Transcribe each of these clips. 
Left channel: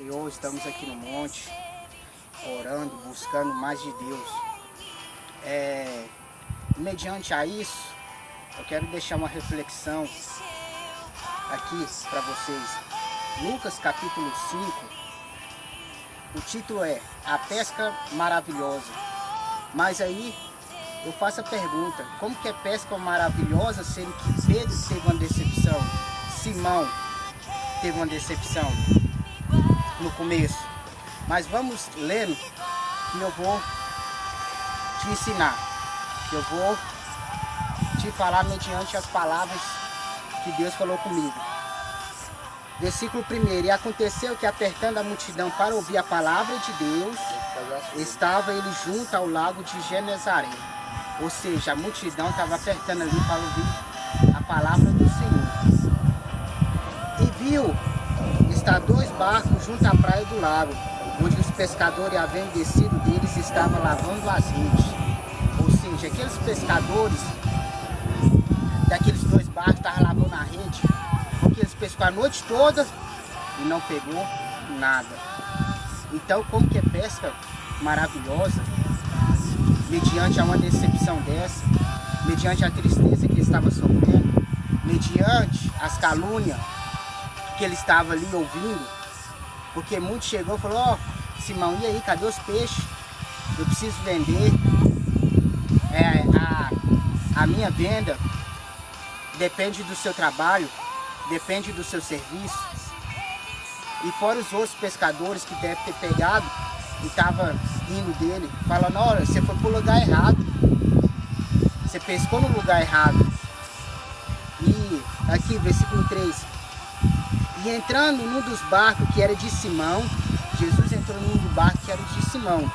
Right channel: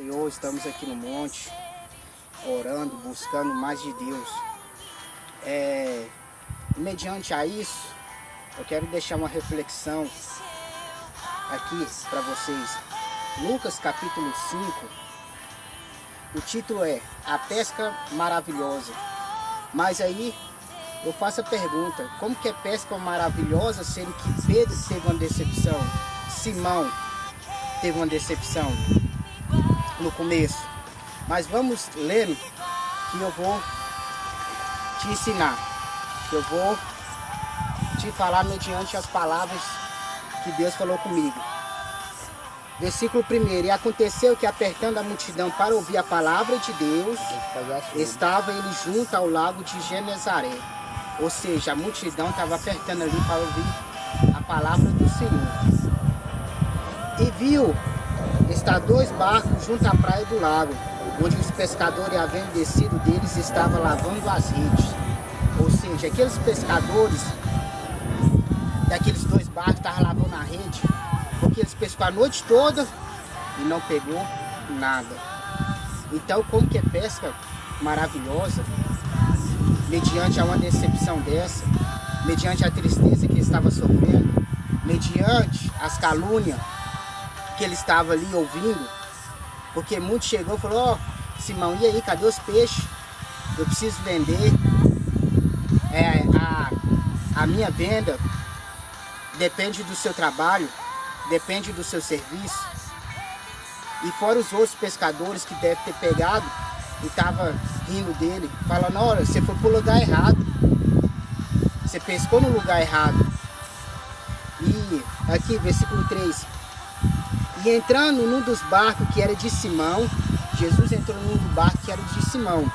Senhor, estamos aqui no monte, orando, buscando mais de Deus. Mediante a isso, eu quero deixar uma reflexão aqui para vocês. Lucas capítulo 5, o título é A Pesca Maravilhosa. Mas aí eu faço a pergunta, como que é pesca maravilhosa, sendo que Pedro teve uma decepção, Simão teve uma decepção no começo? Mas vamos lendo que eu vou te ensinar, que eu vou te falar mediante as palavras que Deus falou comigo. Versículo 1: E aconteceu que, apertando a multidão para ouvir a palavra de Deus, estava ele junto ao lago de Genezaré. Ou seja, a multidão estava apertando ali para ouvir a palavra do Senhor. E viu estar 2 barcos junto à praia do lago, onde os pescadores, havendo descido deles, estavam lavando as redes. Ou seja, aqueles pescadores daqueles 2 barcos estavam lavando a rede, porque eles pescaram a noite toda e não pegou nada. Então, como que é pesca maravilhosa, mediante a uma decepção dessa, mediante a tristeza que ele estava sofrendo, mediante as calúnias que ele estava ali ouvindo, porque muito chegou e falou: ó, Simão, e aí, cadê os peixes? Eu preciso vender, a minha venda depende do seu trabalho, depende do seu serviço. E fora os outros pescadores que devem ter pegado e estavam rindo dele, falando: olha, você foi para o lugar errado, você pescou no lugar errado. E aqui, versículo 3: E entrando num dos barcos que era de Simão, Jesus entrou num dos barcos que era de Simão,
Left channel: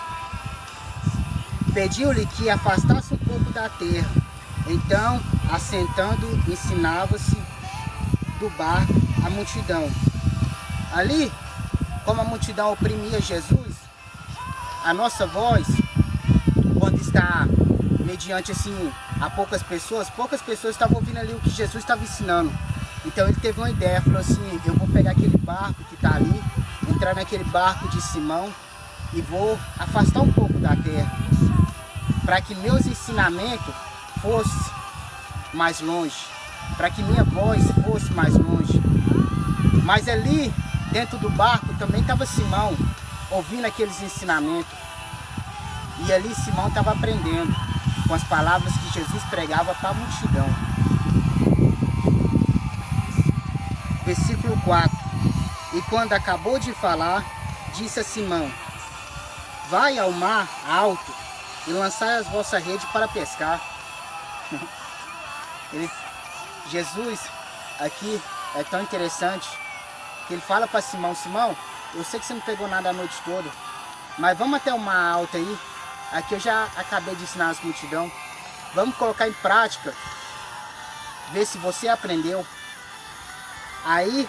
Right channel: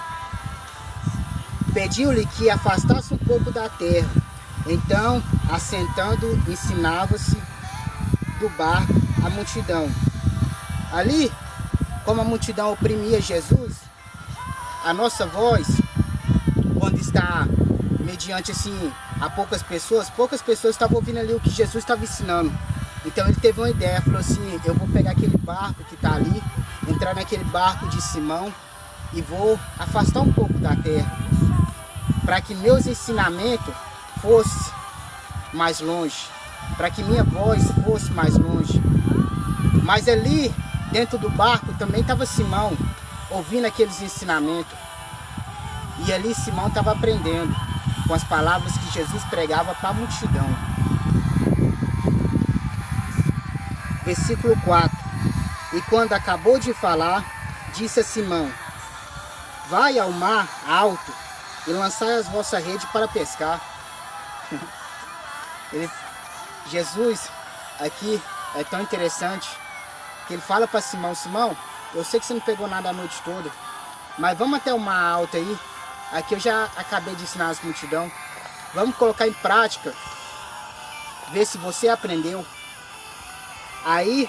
pediu-lhe que afastasse um pouco da terra. Então, assentando, ensinava-se do barco a multidão. Ali, como a multidão oprimia Jesus, a nossa voz, quando está mediante assim a poucas pessoas estavam ouvindo ali o que Jesus estava ensinando. Então ele teve uma ideia, falou assim: eu vou pegar aquele barco que está ali, entrar naquele barco de Simão e vou afastar um pouco da terra, para que meus ensinamentos fossem mais longe, para que minha voz fosse mais longe. Mas ali dentro do barco também estava Simão, ouvindo aqueles ensinamentos. E ali Simão estava aprendendo com as palavras que Jesus pregava para a multidão. Versículo 4: E quando acabou de falar, disse a Simão: vai ao mar alto e lançai as vossas redes para pescar. Jesus aqui é tão interessante que ele fala para Simão: Simão, eu sei que você não pegou nada a noite toda, mas vamos até o mar alto aí. Aqui eu já acabei de ensinar as multidão. Vamos colocar em prática, ver se você aprendeu. Aí,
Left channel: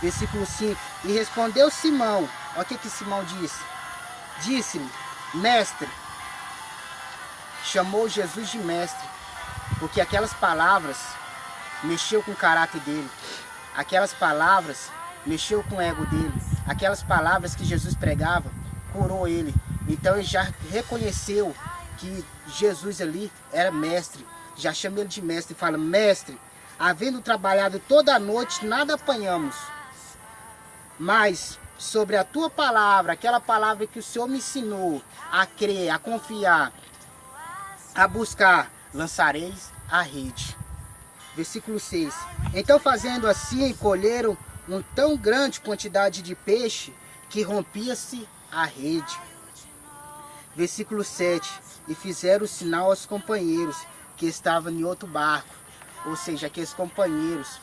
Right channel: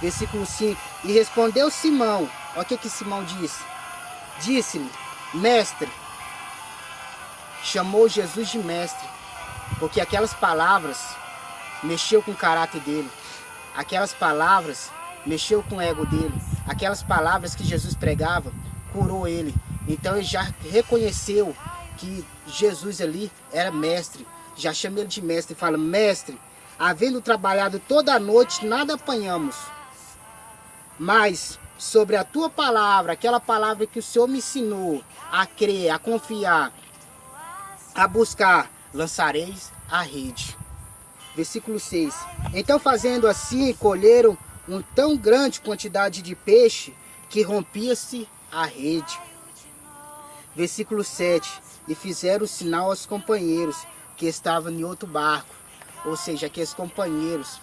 versículo 5: E respondeu Simão. Olha o que Simão disse. Disse-lhe: mestre. Chamou Jesus de mestre, porque aquelas palavras mexeu com o caráter dele. Aquelas palavras mexeu com o ego dele. Aquelas palavras que Jesus pregava curou ele. Então ele já reconheceu que Jesus ali era mestre. Já chama ele de mestre e fala: mestre, havendo trabalhado toda a noite, nada apanhamos. Mas sobre a tua palavra, aquela palavra que o Senhor me ensinou a crer, a confiar, a buscar, lançareis a rede. Versículo 6: Então, fazendo assim, colheram uma tão grande quantidade de peixe que rompia-se a rede. Versículo 7: E fizeram sinal aos companheiros que estavam em outro barco. Ou seja, aqueles companheiros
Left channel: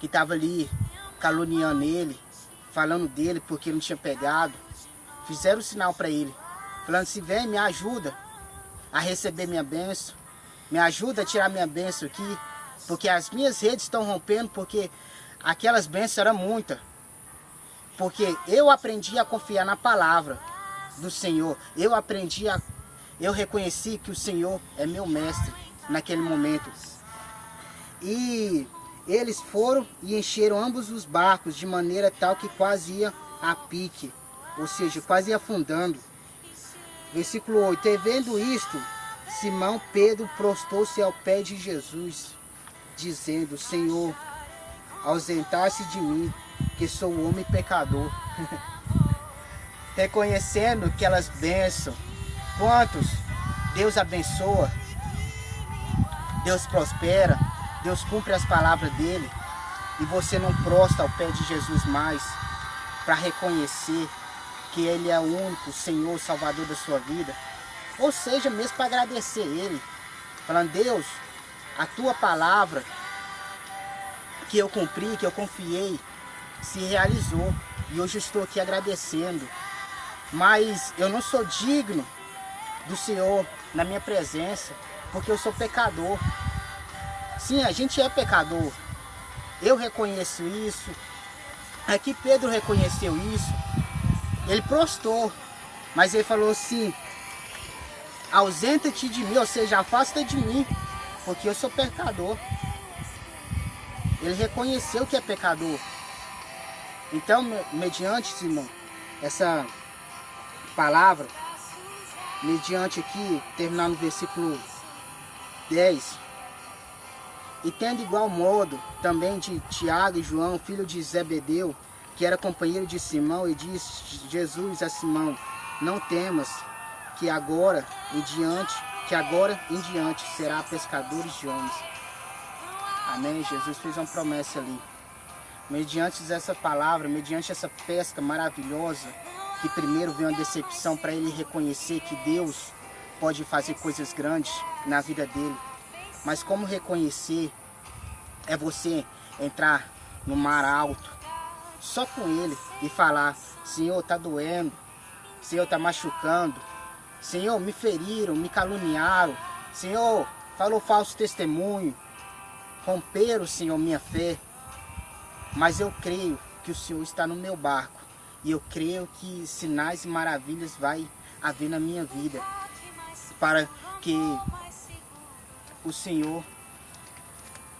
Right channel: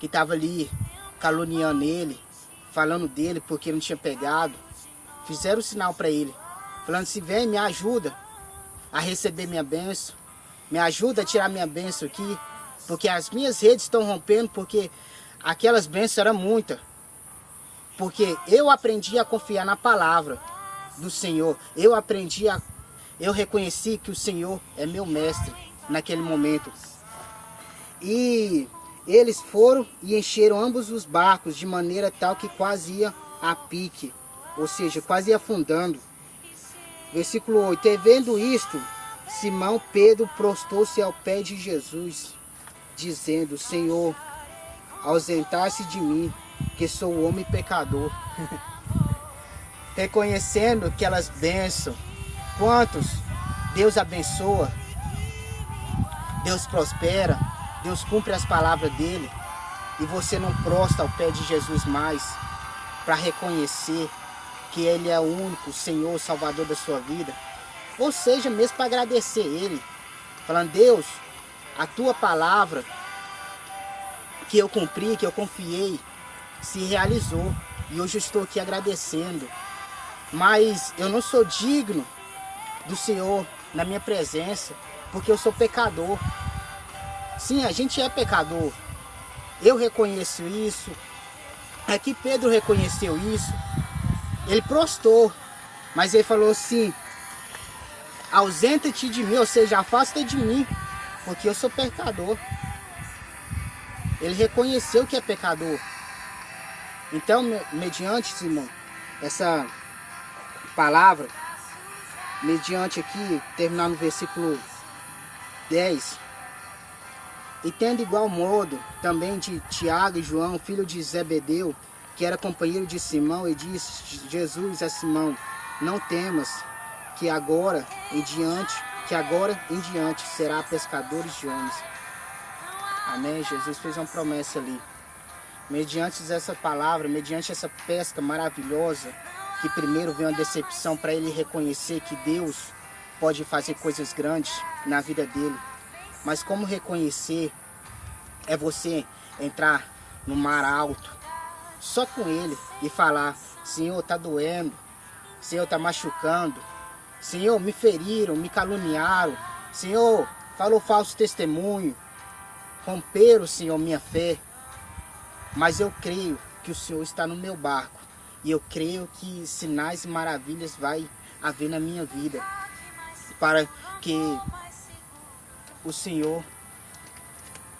que estavam ali caluniando ele, falando dele porque não tinha pegado, fizeram sinal para ele, falando assim: vem, me ajuda a receber minha bênção, me ajuda a tirar minha bênção aqui, porque as minhas redes estão rompendo, porque aquelas bênçãos eram muitas. Porque eu aprendi a confiar na palavra do Senhor, eu reconheci que o Senhor é meu mestre naquele momento. E Eles foram e encheram ambos os barcos de maneira tal que quase ia a pique, ou seja, quase ia afundando. Versículo 8. E vendo isto, Simão Pedro prostou-se ao pé de Jesus, dizendo: Senhor, ausentar-se de mim, que sou homem pecador. Reconhecendo aquelas bênçãos. Quantos Deus abençoa, Deus prospera, Deus cumpre as palavras dele, e você não prostra ao pé de Jesus mais, para reconhecer que ele é o único Senhor, Salvador da sua vida. Ou seja, mesmo para agradecer ele, falando: Deus, a tua palavra que eu cumpri, que eu confiei, se realizou, e hoje eu estou aqui agradecendo. Mas eu não sou digno do Senhor na minha presença, porque eu sou pecador. Sim, a gente é pecador. Eu reconheço isso. Aqui Pedro reconheceu isso. Ele prostou, mas ele falou assim: ausenta-te de mim, ou seja, afasta de mim, porque eu sou pecador. Ele reconheceu que é pecador. Então, mediante, Simão, essa palavra, mediante aqui, terminar no versículo 10, e tendo igual modo também de Tiago e João, filho de Zebedeu, que era companheiro de Simão, e disse Jesus a Simão: não temas, que agora em diante será pescadores de homens. Amém? Jesus fez uma promessa ali. Mediante essa palavra, mediante essa pesca maravilhosa, que primeiro veio uma decepção para ele reconhecer que Deus pode fazer coisas grandes na vida dele. Mas como reconhecer é você entrar no mar alto, só com ele, e falar: Senhor, está doendo, Senhor, está machucando, Senhor, me feriram, me caluniaram, Senhor, falou falso testemunho, romperam, Senhor, minha fé. Mas eu creio que o Senhor está no meu barco, e eu creio que sinais e maravilhas vai haver na minha vida, para que o Senhor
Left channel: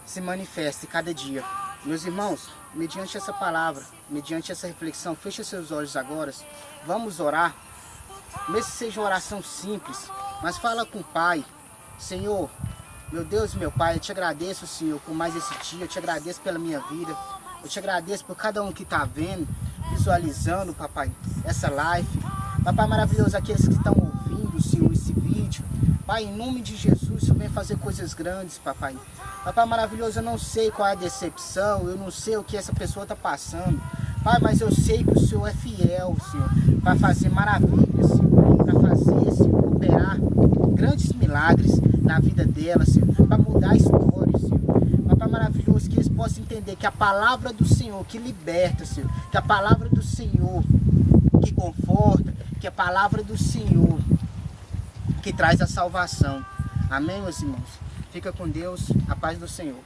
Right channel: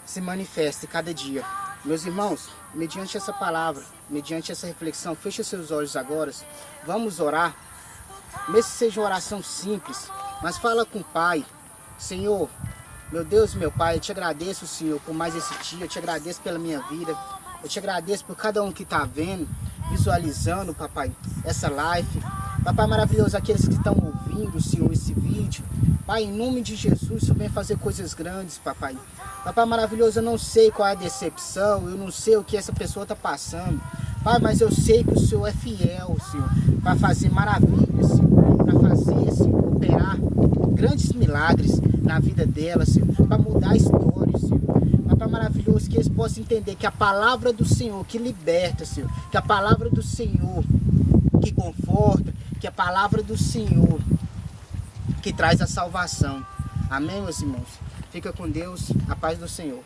se manifeste cada dia. Meus irmãos, mediante essa palavra, mediante essa reflexão, feche seus olhos agora, vamos orar. Mesmo que seja uma oração simples, mas fala com o Pai. Senhor, meu Deus, meu Pai, eu te agradeço, Senhor, por mais esse dia, eu te agradeço pela minha vida, eu te agradeço por cada um que está vendo, visualizando, Papai, essa live. Papai maravilhoso, aqueles que estão ouvindo, Senhor, esse vídeo, Pai, em nome de Jesus, o Senhor vem fazer coisas grandes, Papai. Papai maravilhoso, eu não sei qual é a decepção, eu não sei o que essa pessoa está passando, Pai, mas eu sei que o Senhor é fiel, Senhor, para fazer maravilhas, Senhor, para fazer, Senhor, operar grandes milagres na vida dela, Senhor, para mudar a história, Senhor. Papai maravilhoso, que eles possam entender que a palavra do Senhor que liberta, Senhor, que a palavra do Senhor que conforta, que a palavra do Senhor que traz a salvação. Amém, meus irmãos? Fica com Deus, a paz do Senhor.